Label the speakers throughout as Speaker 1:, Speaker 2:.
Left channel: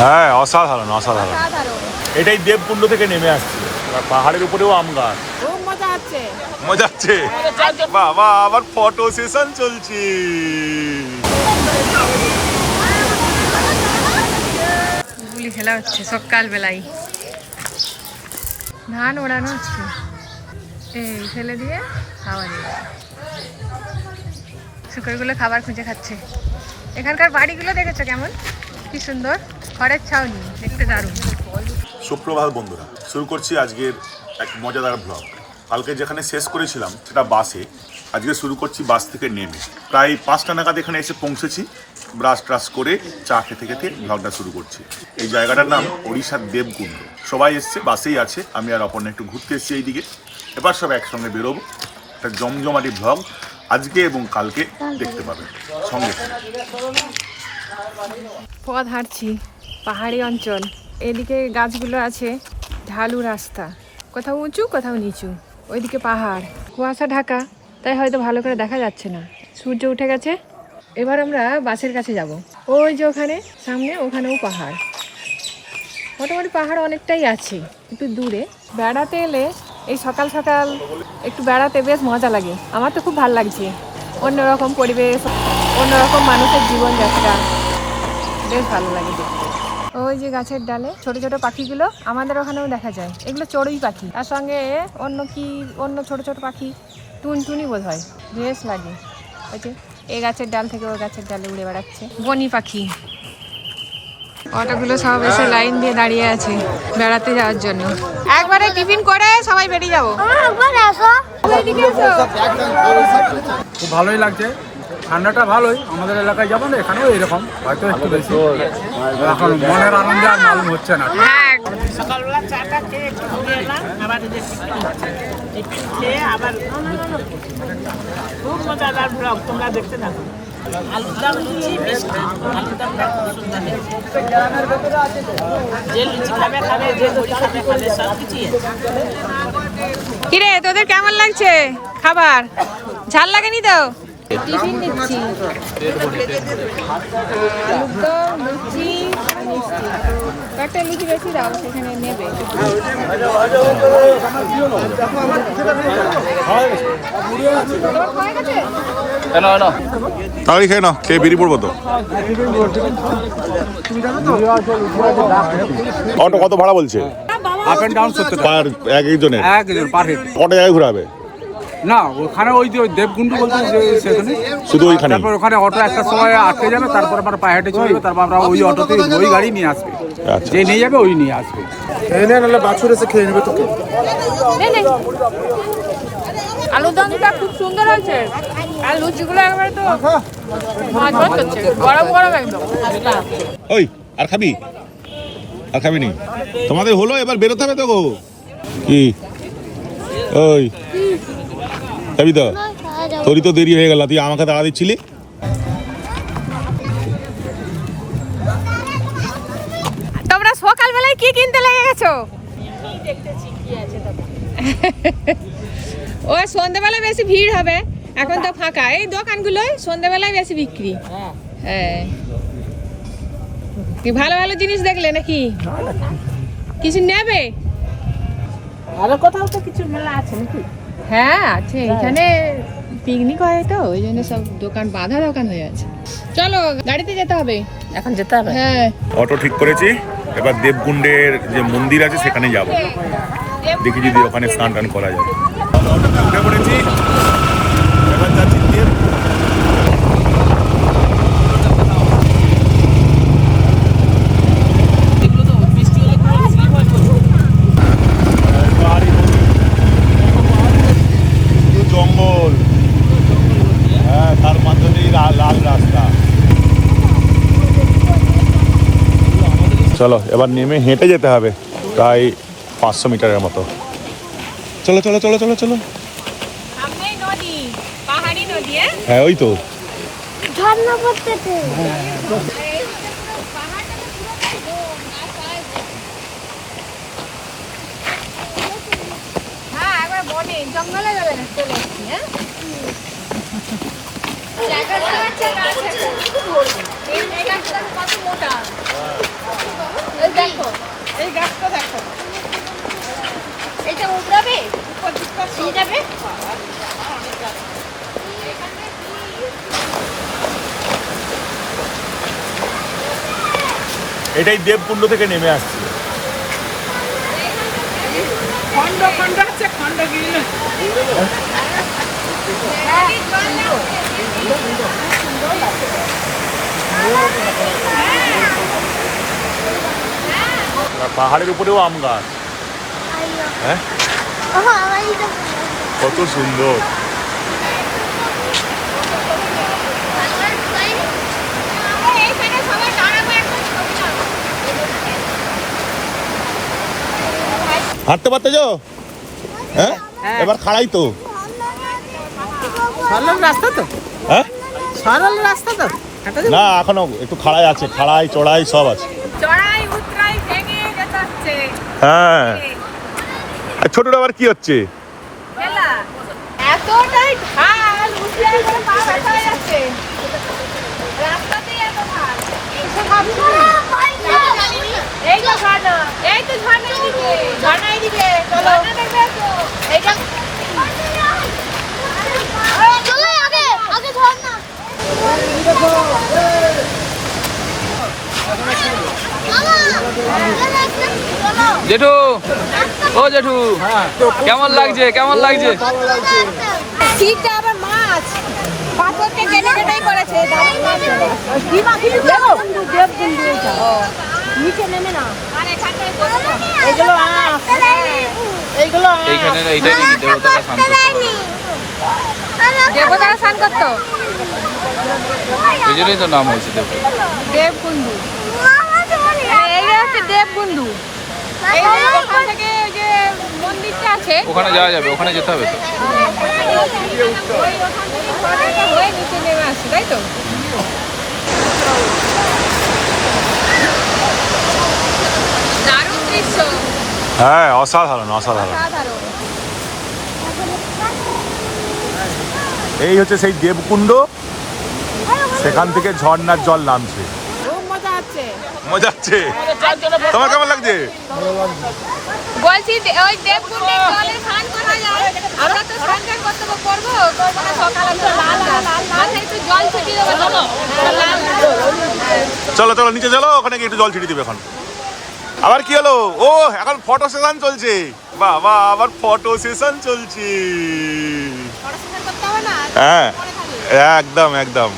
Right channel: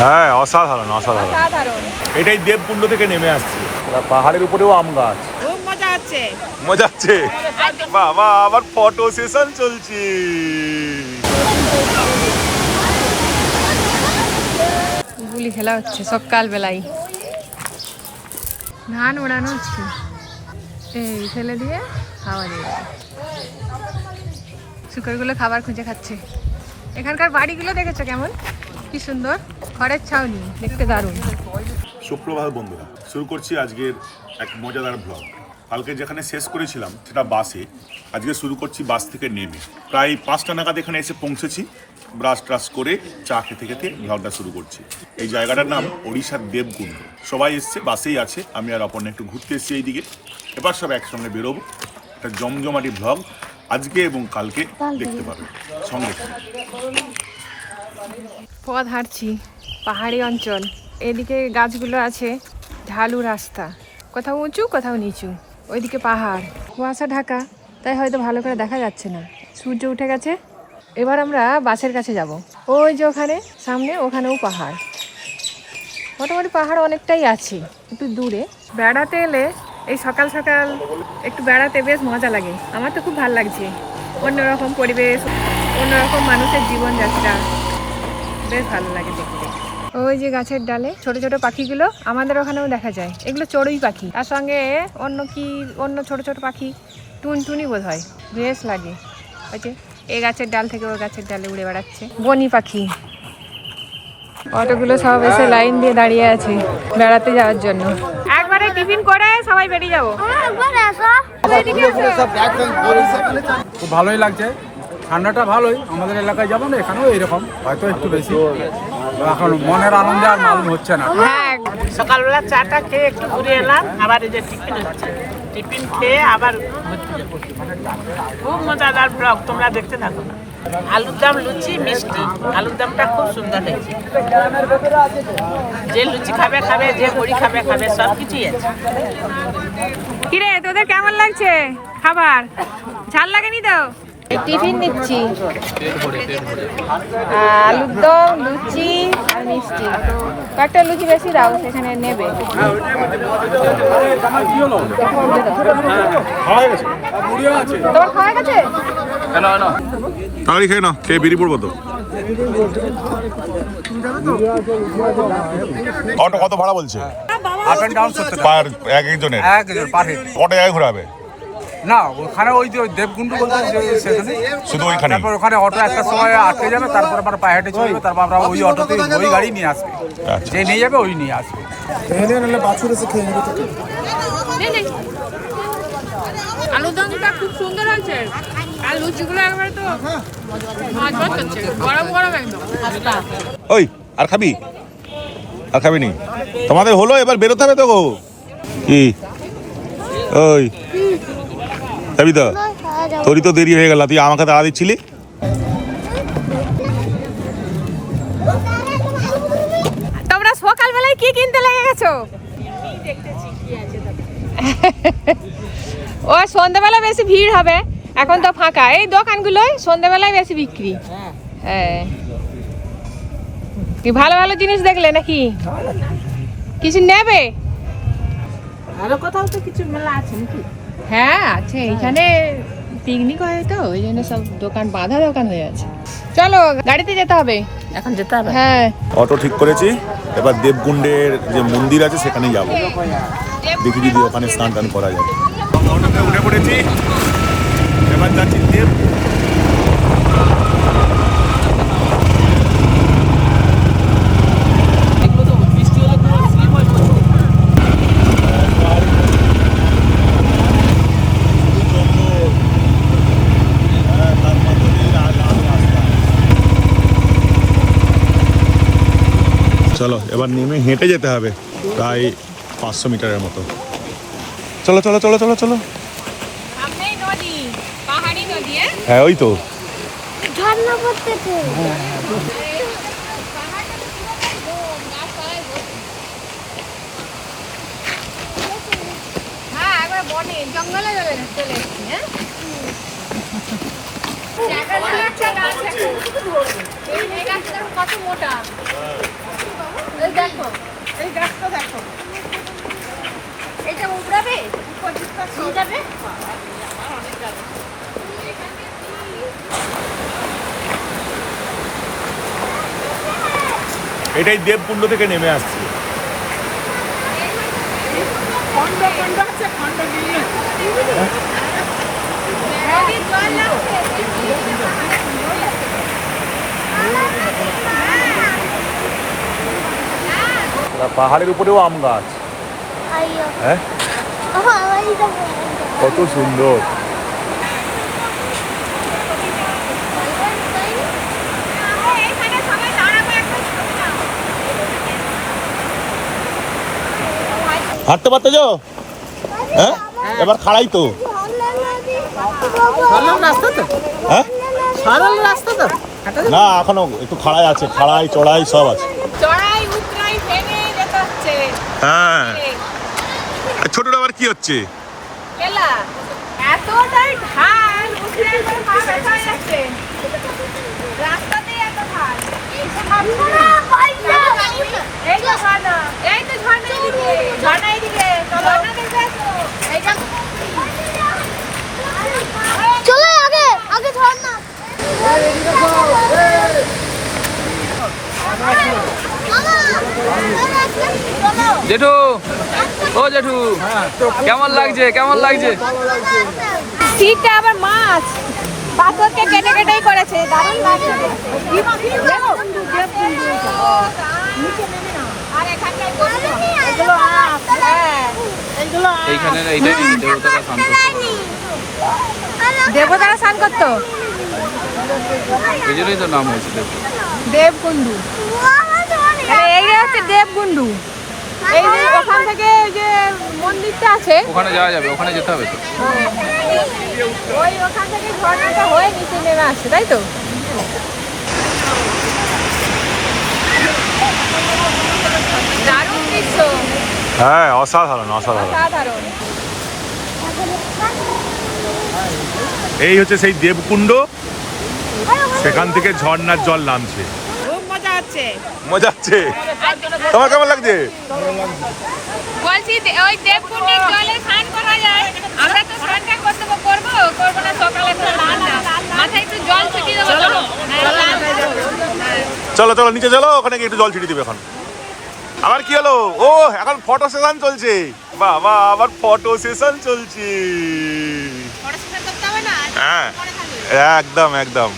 Speaker 1: হ্যাঁ অসাধারণ অসাধারণ। এটাই দেবকুণ্ড থেকে নেমে আসছে। পাহাড়ের উপরেও আম গাছ।
Speaker 2: খুব মজা হচ্ছে
Speaker 1: মজা হচ্ছে বাবা আবার ফটো সেশন চলছে।
Speaker 2: গুলি খেলা হচ্ছে সকাল বেলায় ধান ওড়ানো হচ্ছে। এই ফেলে দিয়ে হাওয়া দিয়ে দেবে। শুকরগুলো খাবার খুঁজে খাচ্ছে। এখানকার বাড়িগুলো দেখেছ কেমন? কি সুন্দর? খড়ের ছাউনি, দেখতে
Speaker 1: সুপ্রভাত বন্ধুরা, শুরু করছি আজকের এক মজাদার ব্লগ কালকে যেখানে শেষ করেছিলাম, সেটা বাসে আজকে শুরু করছি বাস থেকে নেমে। প্রায় পাঁচটা নাগাদ এখানে এসে পৌঁছেছি। ব্রাশ ট্রাশ করে চা খেতে খেতে ব্লগটা শুরু করছি। এই জায়গাটার নাম ওড়িশার দেবকুণ্ড। সবাই এসছে বাসেই আছে। আমি আর অপর্ণা একটু ঘুরতে এসেছি এইদিকে। এবার সব একসঙ্গে বেরোবো। একটা জমজমাটি ব্লগ আজকে এবং কালকে দেখতে পাবে সঙ্গে সঙ্গে
Speaker 2: পথ হাঁটছি, পাহাড়ি অঞ্চল। এদিকে গাছগুলো আছে, ঢালু রাস্তা। কোথাও উঁচু, কোথাও নিচু। ওইদিকে পাহাড়। কুয়াশা ঢাকা, তাই হয়তো ভালো করে দেখা যাচ্ছে না। সূর্য উঠে গেছে, এবার আমরা বাসের কাছে যাব। ওই যে ওখানে, সামনে ওখানেও পাহাড়। মোটামুটি পাহাড় অনেকটাই আছে, একটু দূরে। বেড়াতে এলে এই সকাল সকাল একটু বেড়াতে বেশ মজা লাগে। আমার তো খুব ভালো লাগছে। অন্যরকম পরিবেশ, অন্যরকম মানুষের জীবনযাত্রা। বেশ ভালো লাগে দেখতে। ওই যে গাছের ডালে ছোট ছোট পাখিগুলো আমাদের ওখানেও দেখা যায়। এগুলো চড়ুই পাখি। তার সঙ্গে অন্য কি অন্য ছোট ছোট পাখি টুনটুনি বোধ হয় বেশ লাগে। ওই যে এই গাছের ডাল থেকে ওই গাছের ডালে উড়ে বেড়াচ্ছে। বনি পাখি। অটোগুলো সব এসে লাইন দিয়ে দাঁড়িয়ে আছে বেড়াতে যাওয়ার জন্য। একবারে টিফিন করে সবাই বেরিয়ে যাব।
Speaker 3: খুব ভালোই লাগছে। ঠান্ডাটা ভালোই আমাদের এলাকায় যেমন এখানেও এরকম হয়তো একটু বেশি। এখন মনের আনন্দে আর মালুম হচ্ছে না।
Speaker 2: হ্যাঁ
Speaker 4: সকালবেলা চাটা খেয়ে একটু ঘুরে এলাম আবার এই যে টিফিন হচ্ছে। টিফিন খেয়ে আবার খুব মজাদার ব্লগ তোমরা দেখতে থাকো। আলুর দাম লুচি মিষ্টি আলুর দামটা খুব সুন্দর হয়েছে। যে লুচি খাবে খাবে যে বড়ি খাবে খাবে সব কিছুই আছে।
Speaker 2: কিরে তোদের কেমন লাগছে খাবার? ঝাল লাগেনি তো? টিফিন নিচ্ছি। আলুর দম লুচি আর মিষ্টি। একটা লুচি বেশি দাও সেখানে নেবে।
Speaker 1: তাড়াতাড়ি খেয়ে নাও খেয়ে বেরিয়ে পড়ব তো। অটো কত ভাড়া বলছে? পার এক একজনের।
Speaker 3: এক পার হেড।
Speaker 1: কত জায়গায় ঘুরাবে?
Speaker 3: না ওখানে ওই যে ওই দেবকুণ্ড বলতে সেখানে।
Speaker 1: শুধু ওইখানেই?
Speaker 3: তারপর ওখানে অটো একটা সময় আটকে যাবে তারপর আবার পায়ে হেঁটে চলে যাবে তারপর আমরা ওই অটোতে ওই গাড়ি নিয়ে আসবে।
Speaker 1: আচ্ছা।
Speaker 3: যে নিয়ে যাবে ওই নিয়ে আসবে।
Speaker 2: নে, নে। আলুর দমটা খুব সুন্দর হয়েছে। আর লুচিগুলো একবারে তো ভাজ করছে গরম গরম একদম।
Speaker 1: ওই আর খাবি? আর খাবি নি? তোমাদের হলো এবার বেরোতে হবে তো গো। কি? ওই। যাবি তো? তোরই তো দেরি হয়ে গেল তুই আমাকে তাড়া দিচ্ছিলি?
Speaker 2: তোমরা সকালবেলায় কি কিনতে লেগে গেছো? ও সন্ধ্যাবেলা বেশি ভিড় হবে এখন তো ফাঁকা। এই দোকানগুলোয় সন্ধ্যাবেলায় বেশি বিক্রি। হ্যাঁ। কি ভালো ভালো জিনিস দেখলে নাকি? কিছু নেবে?
Speaker 4: আরও কোথাও তো কিছু মেলা আছে নাকি?
Speaker 2: হ্যাঁ আছে। এখানে পিকনিক হয় তো ওই জন্য সব দোকান বাঁধা দোকান হয়ে আছে। চলো গাড়িতে যেতে হবে।
Speaker 4: এখন যেতে হবে?
Speaker 2: হ্যাঁ।
Speaker 1: অটো ঠিক করেছি। এবার দেবকুণ্ডের যে মন্দির আছে সেখানে যাব। দেখি যদি ওখানে স্নান টান করা যায়। অটোতে উঠে পড়েছি। এবার যাচ্ছি দেব
Speaker 4: এগুলো তো মিষ্টি হলে পুরো স্লিপ হয়ে যাবে।
Speaker 1: জঙ্গল হ্যাঁ তার মধ্যে দিয়ে লাল লাল রাস্তা চলো এবার নেমে হেঁটে যেতে হবে প্রায় পাঁচশো মিটারের মতো। চলো চলো চলো চলো চলো।
Speaker 2: হ্যাঁ?
Speaker 1: হ্যাঁ ওই তো।
Speaker 2: হ্যাঁ জঙ্গলে যাবে না চলে এসছি হ্যাঁ? কত মোটা?
Speaker 5: দেখো
Speaker 4: এই গাছটা দেখো।
Speaker 5: এটা উঠবে নিয়ে যাবে?
Speaker 1: এটাই দেবকুণ্ড থেকে নেমে আসছে।
Speaker 4: খন্ড খন্ড আছে খণ্ডগিরি
Speaker 1: পাহাড়ের উপরেও আম গাছ। হ্যাঁ?
Speaker 5: ওহ আমার এটা
Speaker 1: কত সুন্দর।
Speaker 5: এইখানে সবাই দাঁড়াবে একটা
Speaker 1: হাঁটতে পারতে যাও হ্যাঁ? এবার খাড়াই তো।
Speaker 4: সরল রাস্তা তো?
Speaker 1: হ্যাঁ?
Speaker 4: সরল রাস্তা তো?
Speaker 1: না এখনও একটু খাড়াই আছে খাড়াই চড়াই সব আছে
Speaker 2: চড়াই উতরাই ভেঙে যেতে হচ্ছে
Speaker 1: হ্যাঁ। আর ছোটটা আবার কি হচ্ছে?
Speaker 5: চলো।
Speaker 6: জেঠু ও জেঠু কেমন লাগছে কেমন লাগছে?
Speaker 2: শীতটা আবার মাছ। পাথরকে কেটে কেটেই করেছে দারুণ লাগছে কি মাছ? দেখো নিচে নেমে না আর এখানটায় বসো। এগুলো হ্যাঁ। এইগুলো
Speaker 6: এইখানে এইটাই নাকি দেবতারা করতে
Speaker 2: দেবতারা করতো
Speaker 6: ওই জন্যই তো নাম হয়েছে দেবতা
Speaker 2: দেবকুণ্ডু এই হচ্ছে দেবকুণ্ডু এই যে ওখান থেকে যে মন্দিরটা আছে।
Speaker 6: ওখানে যাওয়া যাবে ওখানে যেতে হবে তো।
Speaker 2: ওই ওখান থেকে ঝর্ণাটা হয়ে নিচে নেমে আসছে তাই তো?
Speaker 1: হ্যাঁ অসাধারণ। অসাধারণ। এই হচ্ছে সেই দেবকুণ্ড। সেখান থেকে ঝর্ণার জল নামছে।
Speaker 2: মজা হচ্ছে।
Speaker 1: তোমার কেমন লাগছে?
Speaker 2: চলো।
Speaker 1: চলো নিচে চলো ওখানে গিয়ে একটু জল ছিটিয়ে দিবে এখন। আবার কি হলো? ও এখন ফটো সেশন চলছে। বাবা আবার ফটো সেশন চলছে। হ্যাঁ একদম একদম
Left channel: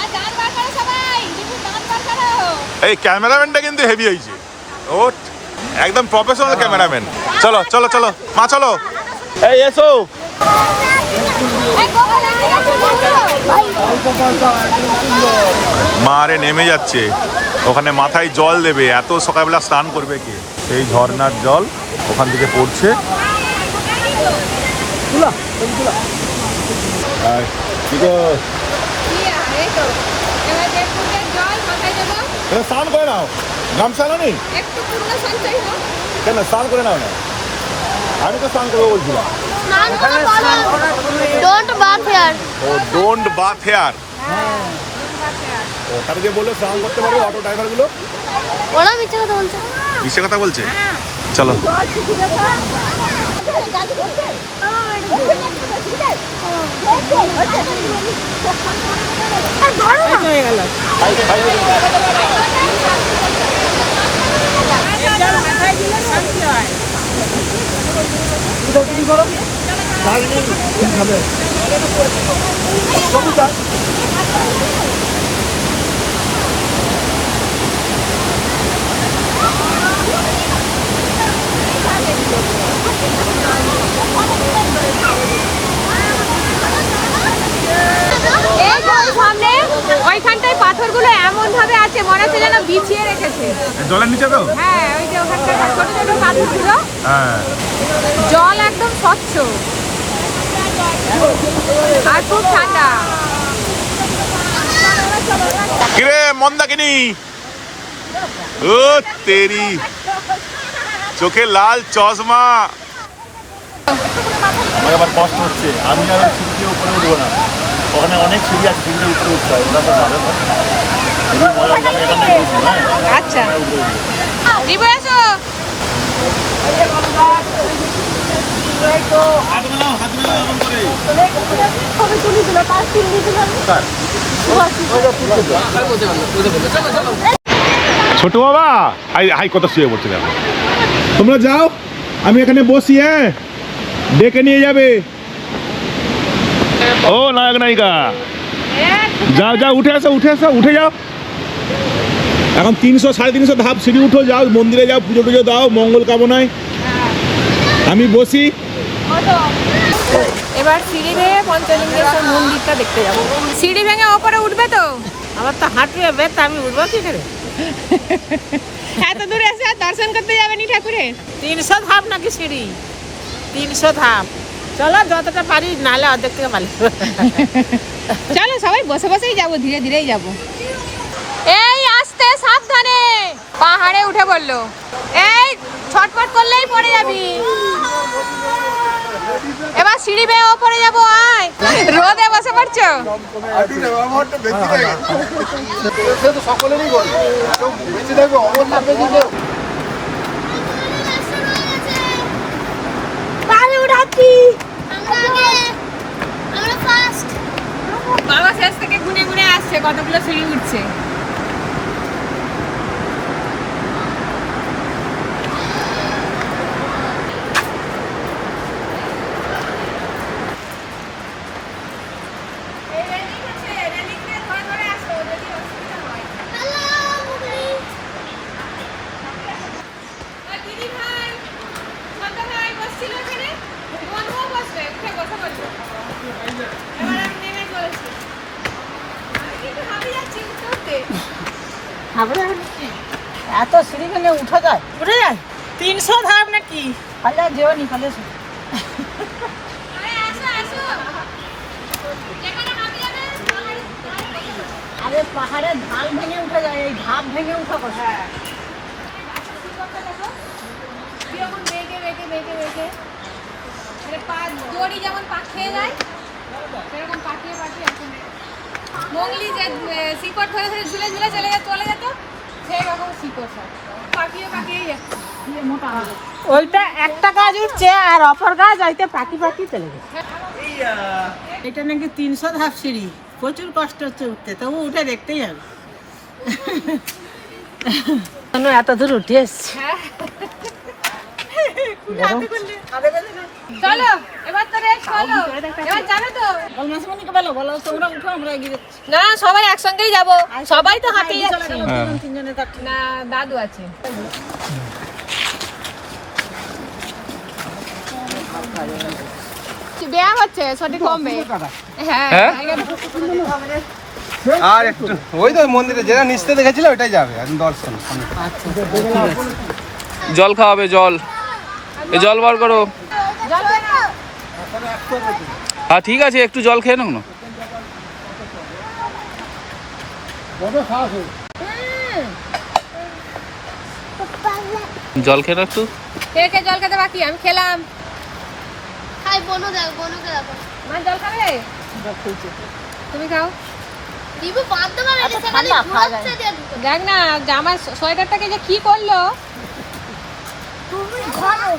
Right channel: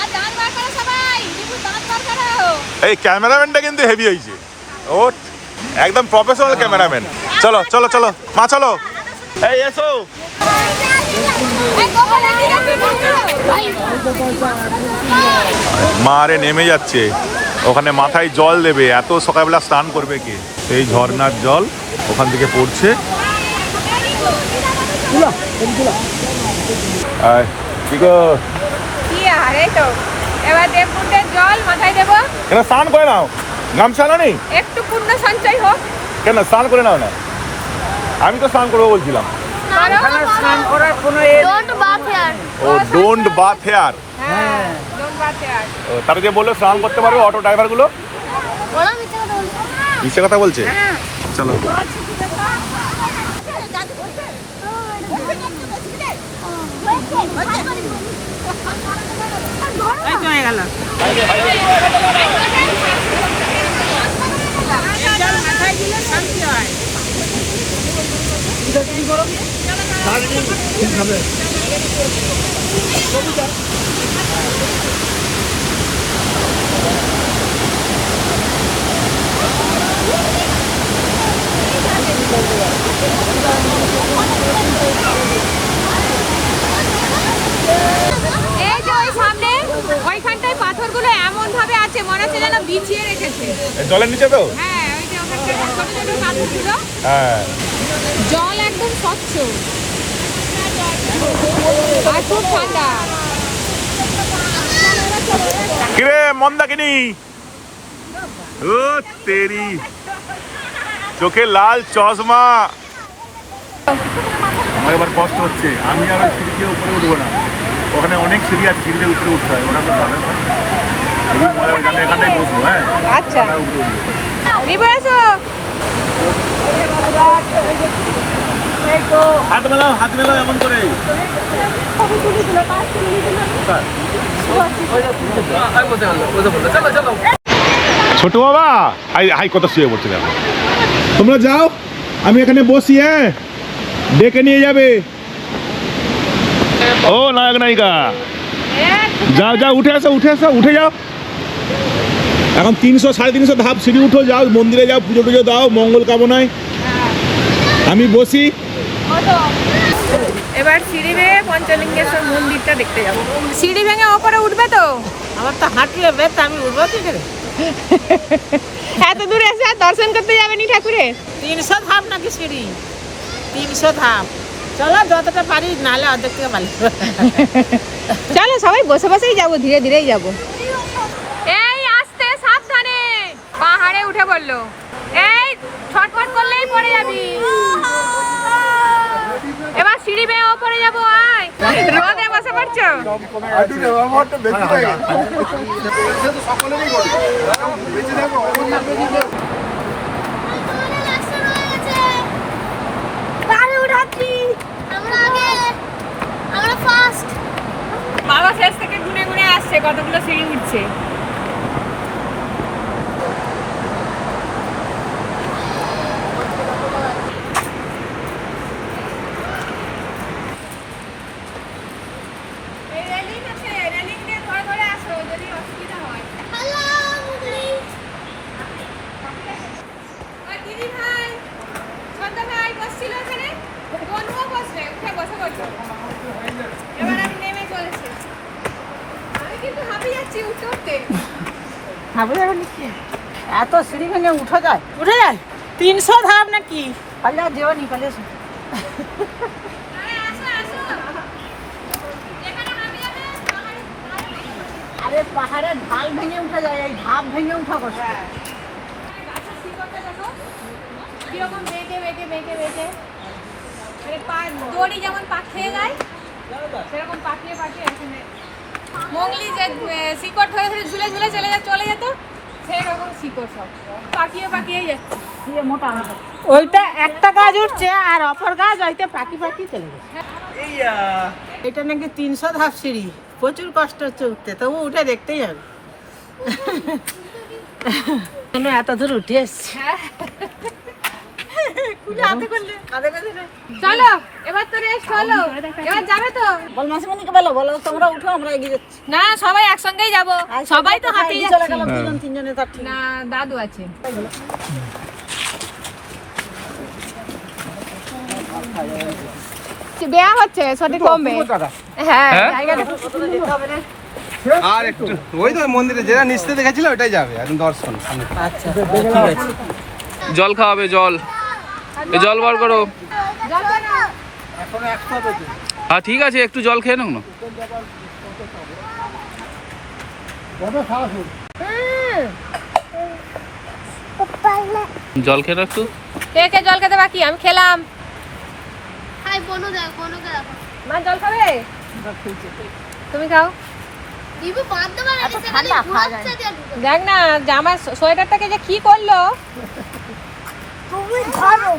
Speaker 5: আর দাঁত বার করো সবাই দুটো দাঁত বার করো
Speaker 1: এই ক্যামেরাম্যানটা কিন্তু হেভি হয়েছে। ও একদম প্রফেশনাল ক্যামেরাম্যান। চলো চলো চলো মা চলো। এই এসো। মা আরে নেমে যাচ্ছে। ওখানে মাথায় জল দেবে এত সকালবেলা স্নান করবে কে? এই ঝর্ণার জল ওখান থেকে পড়ছে। আর কি গো,
Speaker 2: কি আর তো জল মাথায় দেবো।
Speaker 1: এবার স্নান করে নাও। গামছা না নেই?
Speaker 2: একটু পূর্ণ সঞ্চয় হোক।
Speaker 1: কেন স্নান করে নাও না? আমি তো স্নান করব বলছিলাম।
Speaker 5: ডোন্ট বাথ হিয়ার
Speaker 2: হ্যাঁ
Speaker 1: তারা যে বলল স্নান করতে পারবে অটো
Speaker 5: কথা বলছে
Speaker 1: মিশে কথা বলছে? চলো।
Speaker 4: হয়ে গেল। এই জল মাথায় দিলে শান্তি হয়
Speaker 2: এই যে ওই সামনে ওইখানটায় পাথরগুলো এমন ভাবে আছে মনে হচ্ছে যেন বিছিয়ে রেখেছে
Speaker 1: জলের নিচে তো?
Speaker 2: হ্যাঁ ওই যে ওখানটায় ছোট ছোট পাথরগুলো
Speaker 1: হ্যাঁ।
Speaker 2: জল একদম স্বচ্ছ। আর খুব ঠান্ডা।
Speaker 1: কিরে মন্দাকিনি ও তেরি। চোখে লাল চশমা। আমার এবার কষ্ট হচ্ছে। আমি আর ওই সিঁড়ি দিয়ে উপরে উঠবো না। ওখানে অনেক সিঁড়ি আছে সিঁড়িতে উপরে উঠতে হয়। ওরা তো যাবে
Speaker 2: আচ্ছা। রিবু এসো।
Speaker 1: হাত মেলাও হাত মেলাও এমন করে। ছোট বাবা হাই হাই কথা শুয়ে পড়ছে দেখো তোমরা যাও আমি এখানে বসি হ্যাঁ? ডেকে নিয়ে যাবে। ও নায়ক নায়িকা। যাও যাও উঠে আসো উঠে আসো উঠে যাও। এখন তিনশো সাড়ে তিনশো ধাপ সিঁড়ি উঠো যাও মন্দিরে যাও পুজো টুজো দাও মঙ্গল কামনায়। আমি বসি।
Speaker 2: এবার সিঁড়ি ভেঙে পঞ্চলিঙ্গেশ্বর মন্দিরটা দেখতে যাব। সিঁড়ি ভেঙে ওপরে উঠবে তো?
Speaker 4: আমার তো হাঁটুয়ে বেত আমি উঠবো কি করে?
Speaker 2: এত দূরে এসে আর দর্শন করতে যাবেনি ঠাকুরের
Speaker 4: তিনশো ধাপ নাকি সিঁড়ি? তিনশো ধাপ। চলো যতটা পারি নাহলে অর্ধেক থেকে পারি
Speaker 2: চলো সবাই বসে বসেই যাব ধীরে ধীরেই যাব। এই আস্তে সাবধানে। পাহাড়ে উঠে পড়ল। এই ছটফট করলেই পড়ে যাবি। এবার সিঁড়ি বেয়ে ওপরে যাব আয়। রোদে বসে পড়ছো? বাবা শেষ থেকে ঘুরে ঘুরে আসছে কতগুলো সিঁড়ি উঠছে এই রেলিং আছে রেলিং দিয়ে ধরে ধরে আসো যদি অসুবিধা হয়
Speaker 5: হ্যালো মুগলি
Speaker 2: আর দিদি ভাই ছোট ভাই বসছিল ওখানে বনুও বসবে উঠে বসে পড়ল এবার আমি নেমে চলেছি আমি কিন্তু হাঁপিয়ে যাচ্ছি উঠতে উঠতে।
Speaker 4: এত সিঁড়ি ভেঙে উঠে যায়। উঠে যায়? তিনশো ধাপ নাকি? পাল্লা যেও
Speaker 2: যেখানে হাঁপি যাবে
Speaker 4: আরে পাহাড়ের ঢাল ভেঙে উঠে যায় এই ধাপ ভেঙে উঠা কথা
Speaker 2: কীরকম বেঁকে বেঁকে মানে পা দড়ি যেমন পাঠিয়ে যায় সেরকম পাঠিয়ে পাঠিয়ে এখানে মঙ্গলি যে শিকড় ধরে ধরে ঝুলে ঝুলে চলে চলে যেত সেই রকম শিকড় সব। পাকিয়ে পাকিয়ে যাচ্ছে
Speaker 4: ওইটা একটা গাছ উঠছে আর অপর গাছ হইতে পাকি পাকি চলে গেছে। এটা নাকি তিনশো ধাপ সিঁড়ি। প্রচুর কষ্ট হচ্ছে উঠতে তবু উঠে দেখতেই হবে। আমি এত দূর উঠে এসছি।
Speaker 2: চলো এবার তো রেস্ট হলো। এবার যাবে তো।
Speaker 4: বল মাসিমণিকে বলো বলো তোমরা উঠো আমরা এগিয়ে যাচ্ছি।
Speaker 2: না সবাই একসঙ্গেই যাব। সবাই তো হাঁটে যাচ্ছে।
Speaker 4: তিনজনে যাচ্ছি
Speaker 2: না দাদু আছে। ব্যায়াম হচ্ছে সঠিক কমবে। হ্যাঁ
Speaker 6: হ্যাঁ?
Speaker 7: আর একটু ওই তো মন্দিরে যেটা নিচতে দেখেছিল ওটাই যাবে দর্শন সামনে।
Speaker 6: জল খাওয়াবে জল। এই জল বার করো। হ্যাঁ ঠিক আছে একটু জল খেয়ে নাও না। জল খেয়ে একটু।
Speaker 2: কে কে জল খেতে বাকি? আমি খেলাম।
Speaker 5: হাই বনু দেখো।
Speaker 2: মা জল খাবে? তুমি খাও।
Speaker 5: দিবু বাদ ঘুরছে দিয়ে ঢুকে।
Speaker 2: দেখ না জামার সোয়েটারটাকে যে কি করল?
Speaker 5: তুমি ধরো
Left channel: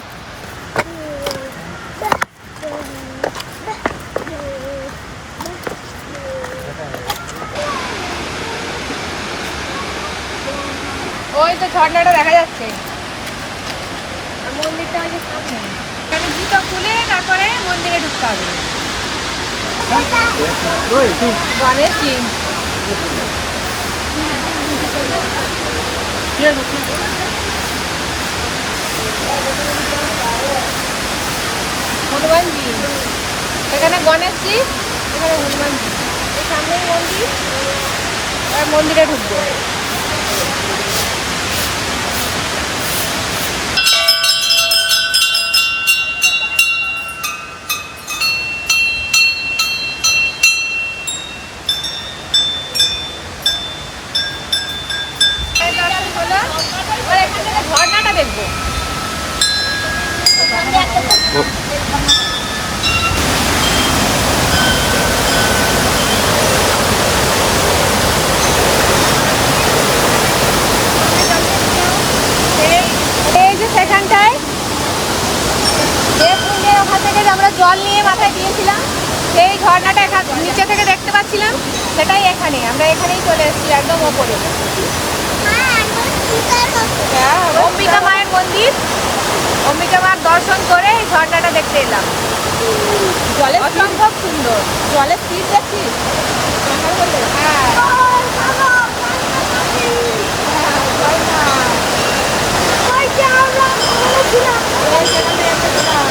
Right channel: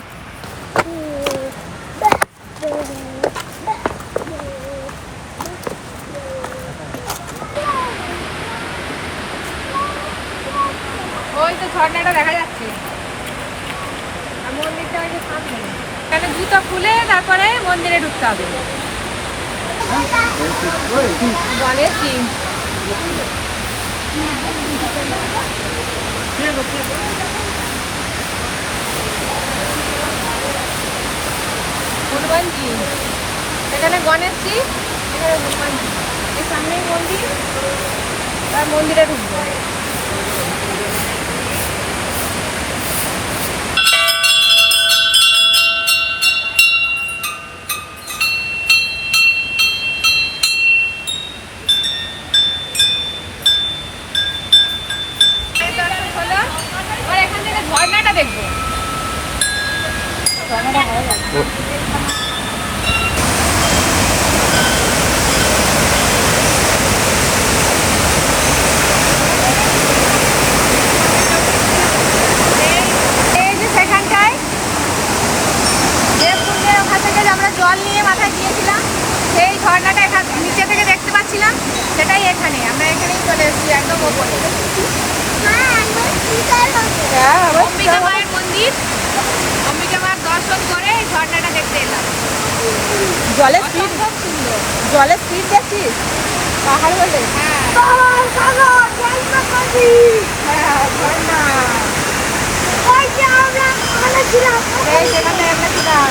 Speaker 2: ওই তো ঝর্ণাটা দেখা যাচ্ছে। মন্দিরটা যে সামনে। এখানে জুতো খুলে তারপরে মন্দিরে ঢুকতে হবে। কি হনুমানজি। এখানে গণেশজি এখানে হনুমানজি। এই সামনেই মন্দির আর মন্দিরে ঢুকবো। জল নিয়ে মাথায় দিয়েছিলাম। সেই ঝর্ণাটা এখান নিচে থেকে দেখতে পাচ্ছিলাম সেটাই এখানে। আমরা এখানেই চলে এসেছি একদম ওপরে। অম্বিকা মায়ের মন্দির। অম্বিকা মার দর্শন করে এই ঝর্ণাটা দেখতে এলাম।
Speaker 4: জলের
Speaker 2: খুব সুন্দর।
Speaker 4: জলের স্পিড দেখছিস
Speaker 2: পাহাড় বলে। হ্যাঁ হ্যাঁ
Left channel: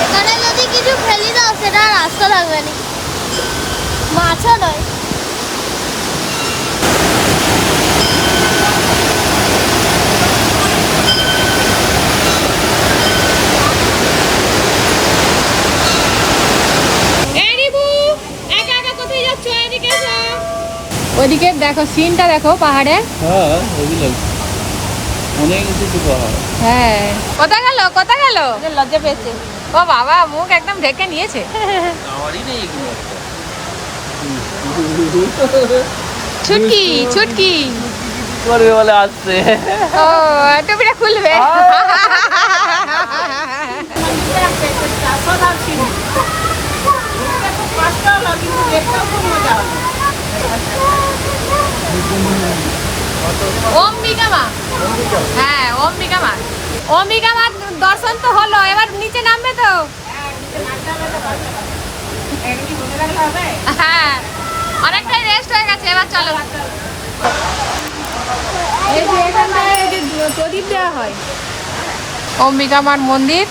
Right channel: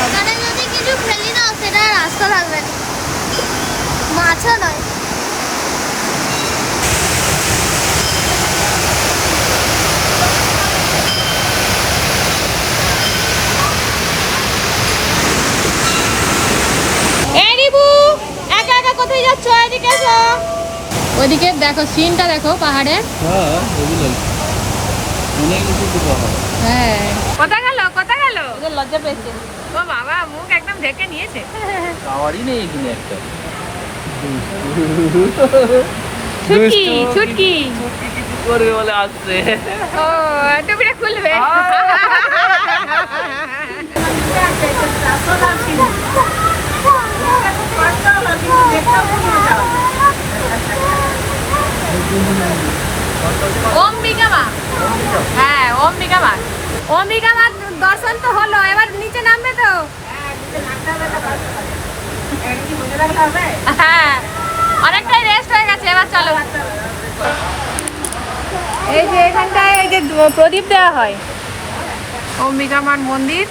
Speaker 5: এখানে যদি কিছু ফেলি দাও সেটা আর না। মাছও নয়।
Speaker 2: ওইদিকে দেখো সিনটা দেখো পাহাড়ে।
Speaker 6: হ্যাঁ অনেক কিছু পাহাড়।
Speaker 2: হ্যাঁ। কোথায় গেল? কোথায় গেল?
Speaker 4: লজ্জা পেয়েছে।
Speaker 2: ও বাবা মুখ একদম ঢেকে নিয়েছে।
Speaker 6: টাওয়ারই নেই এখানে একটা।
Speaker 2: ছুটকি ছুটকি।
Speaker 6: করবে বলে আসছে।
Speaker 2: ও টুপিটা খুলবে। অম্বিকা মা হ্যাঁ অম্বিকা মা অম্বিকা মা দর্শন তো হলো, এবার নিচে নামবে তো। হ্যাঁ অনেকটাই রেস্ট হয়ে গেছে, এবার চলো। এই যে এখানটায়, এই যে প্রদীপ দেওয়া হয়। অম্বিকা মার মন্দির।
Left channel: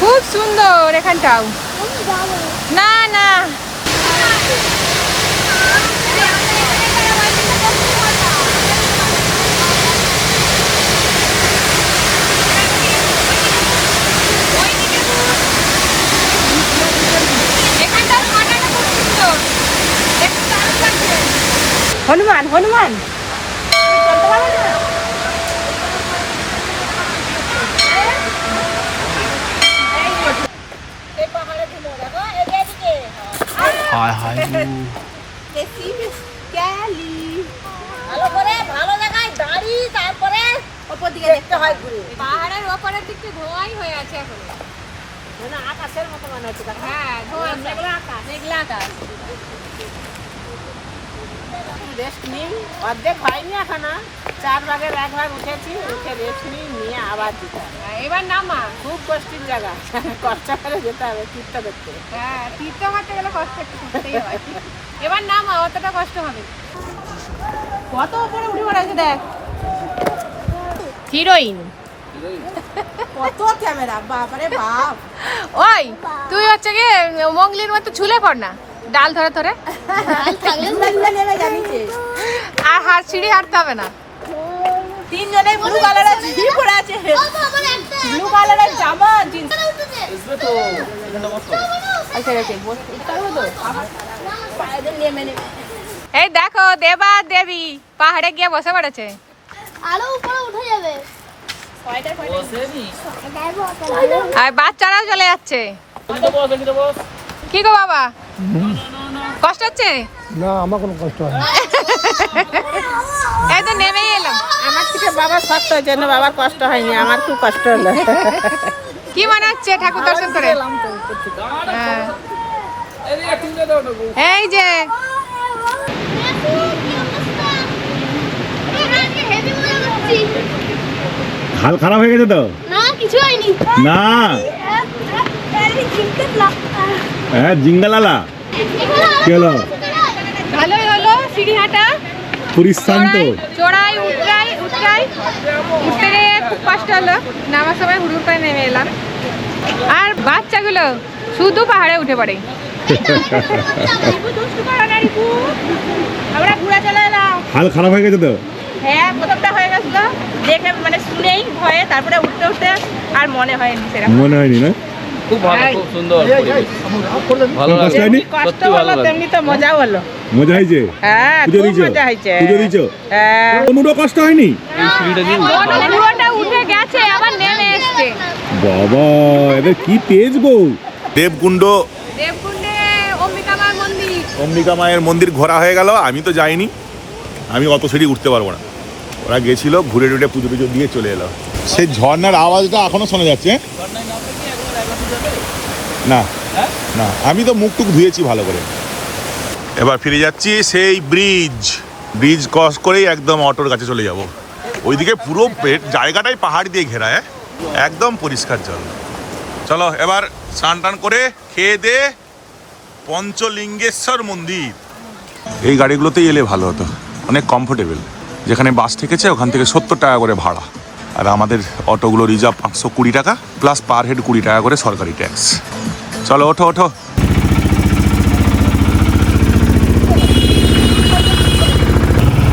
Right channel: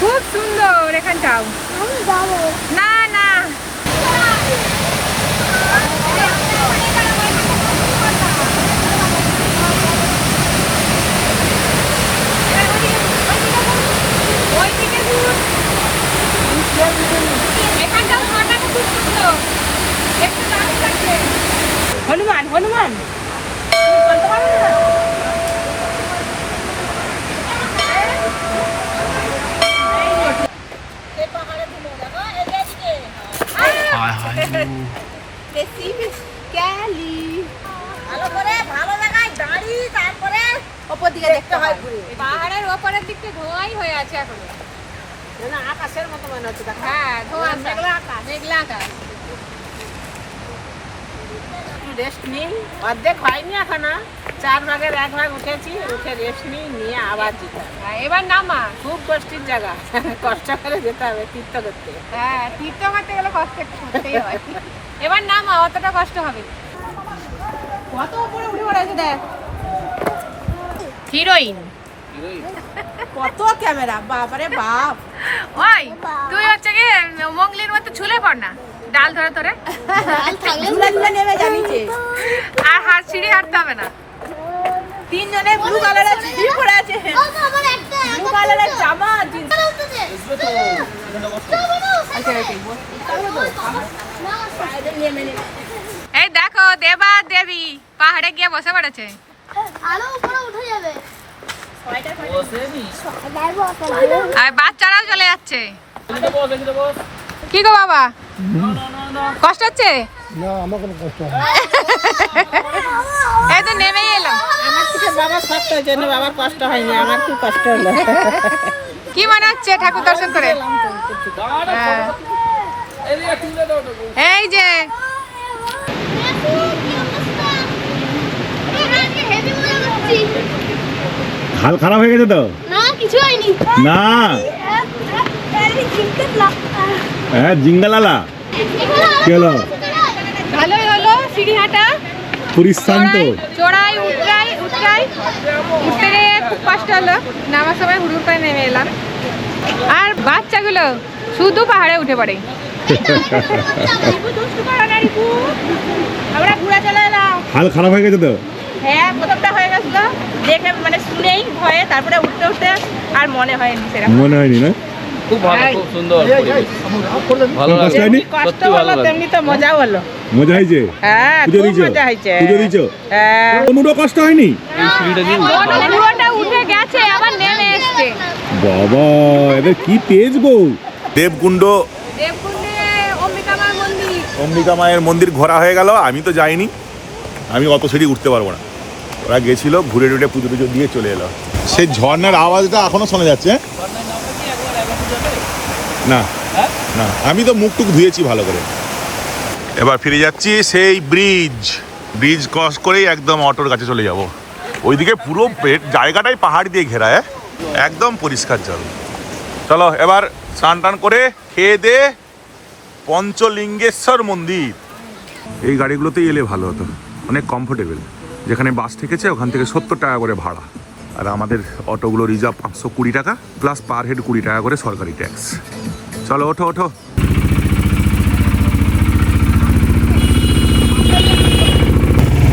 Speaker 2: খুব সুন্দর এখানটাও। না না এখানটাও ঝর্ণাটা খুব সুন্দর দেখতে দারুণ লাগছে।
Speaker 4: হনুমান হনুমান
Speaker 5: ভালো করে ভালো জায়গায় দাঁড়িয়ে তারপরে
Speaker 4: ওপর দিকে দেখতে হয় ঘুরে
Speaker 2: পাহাড়ের ওপরের দিকটা ধোঁয়াই হয়ে আছে এখনও
Speaker 4: না, না আকাশের মতো মনে হচ্ছে দেখো
Speaker 2: হ্যাঁ ধোঁয়া
Speaker 4: মেঘলা আকাশ।
Speaker 2: মেঘলা আকাশ
Speaker 4: রেস্ট নিই। অর্ধেক হয়নি এখনও। চার ভাগের এক ভাগ উঠেছি উঠে রেস্ট নিই নিয়ে আবার যেতে
Speaker 2: হ্যাঁ, এবার নামা।
Speaker 4: খুব কষ্টের জায়গা। কষ্ট করে যেতে হবে তীর্থ করতে।
Speaker 2: হ্যাঁ তীর্থ করতে গেলে কষ্ট করতেই হয়। এবার নামা অতটা কষ্ট হবে কত উপরে উঠে পড়েছে দেখ। হিরোইন ওই তুই হচ্ছে কি মঙ্গলির মতো পড় না ডাল ধরে ধরে।
Speaker 5: ডাল থাকলে
Speaker 4: নেমে জানিছে
Speaker 2: আর হাত সিঁড়ি হাঁটতে হবে না।
Speaker 4: তিনজনে ব্লু। কালারের জিন্স পরে আছে
Speaker 2: এই দেখো দেবা দেবী পাহাড়ে গিয়ে বসে পড়েছে।
Speaker 5: আরও উপরে উঠে যাবে।
Speaker 2: আর বাচ্চারাও চলে যাচ্ছে। কি গো বাবা? কষ্ট হচ্ছে?
Speaker 3: না আমার কোনো কষ্ট হয়
Speaker 2: এই তো নেমেই এলাম
Speaker 4: আমার থেকে বাবা শক্ত জন্য বাবার কষ্ট হয়নি আমার খুব কষ্ট হলো।
Speaker 2: কি মনে হচ্ছে ঠাকুর দর্শন করে? হ্যাঁ। এই যে
Speaker 5: হেভি মজা করছি
Speaker 1: হাল খারাপ হয়ে গেছে তো?
Speaker 5: না কিছু হয়নি।
Speaker 1: না? হ্যাঁ জিঙ্গালালা। কি হলো?
Speaker 2: ভালোই হলো সিঁড়ি হাঁটা
Speaker 1: পরিশ্রান্ত
Speaker 2: চড়াই উঠরাই উঠরাই উঠতে গিয়ে খুব কষ্ট হলো। নামার সময় হুড়ুর করে নেমে এলাম। আর বাচ্চাগুলো শুধু পাহাড়ে উঠে পড়ে।
Speaker 4: আমরা ঘুরে চলে এলাম
Speaker 1: হাল খারাপ হয়ে গেছে তো?
Speaker 4: হ্যাঁ প্রথমটা হয়ে গেছিল দেখে মানে শুনেই ভয়ে তারপরে উঠতে উঠতে আর মনে হয়নি সেরকম।
Speaker 1: মনে হয়নি না?
Speaker 6: খুব ভালো খুব সুন্দর ভালো লাগছে
Speaker 4: কষ্ট হলো তেমনি তো মজাও হলো।
Speaker 1: মজা হয়েছে?
Speaker 4: হ্যাঁ খুব মজা হয়েছে।
Speaker 1: পুজো দিয়েছ?
Speaker 4: হ্যাঁ।
Speaker 1: কোনোটা কষ্ট হয়নি?
Speaker 6: এই সিঁড়িটা দিয়ে উঠতে হবে।
Speaker 2: পুরোটা উঠে গেছে আবার নেমে এসছে।
Speaker 1: বাবা এদের কি তেজ গো। দেবকুণ্ড
Speaker 2: দেবকুণ্ডে অম্বিকামার মন্দির।
Speaker 1: অম্বিকা মায়ের মন্দির ঘোরা হয়ে গেল আমি তো যাইনি। আমি অত সিঁড়ি উঠতে পারব না। ওরা গেছিল ঘুরে টুরে পুজো টুজো দিয়ে চলে এলো। সেই ঝর্ণার আওয়াজটা এখনও শোনা যাচ্ছে হ্যাঁ? না না, আমি তো মুখ টুক ধুয়েছি ভালো করে। এবার ফিরে যাচ্ছি সেই ব্রিজ। ব্রিজ ক্রস করেই একদম অটোর কাছে চলে যাব। ওইদিকে পুরো জায়গাটাই পাহাড় দিয়ে ঘেরা হ্যাঁ? একদম পরিষ্কার জল। চলো, এবার স্নান টান করে খেয়ে দে পঞ্চলিঙ্গেশ্বর মন্দির। এই গাড়িগুলোতেই এলে ভালো হতো। অনেক কমফোর্টেবল যেখানে বাস থেকেছে ওখান থেকে সত্তর টাকা করে ভাড়া। আর আমাদের অটোগুলো রিজার্ভ পাঁচশো কুড়ি টাকা প্লাস পার হেড কুড়ি টাকা করে সরকারি ট্যাক্স চলো, ওঠো ওঠো।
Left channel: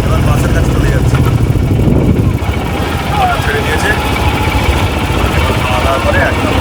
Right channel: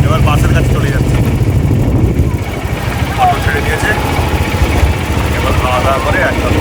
Speaker 1: এবার বাসের কাছে চলে যাচ্ছি। অটো ছেড়ে দিয়েছে। এবার খাওয়া দাওয়া করে একদম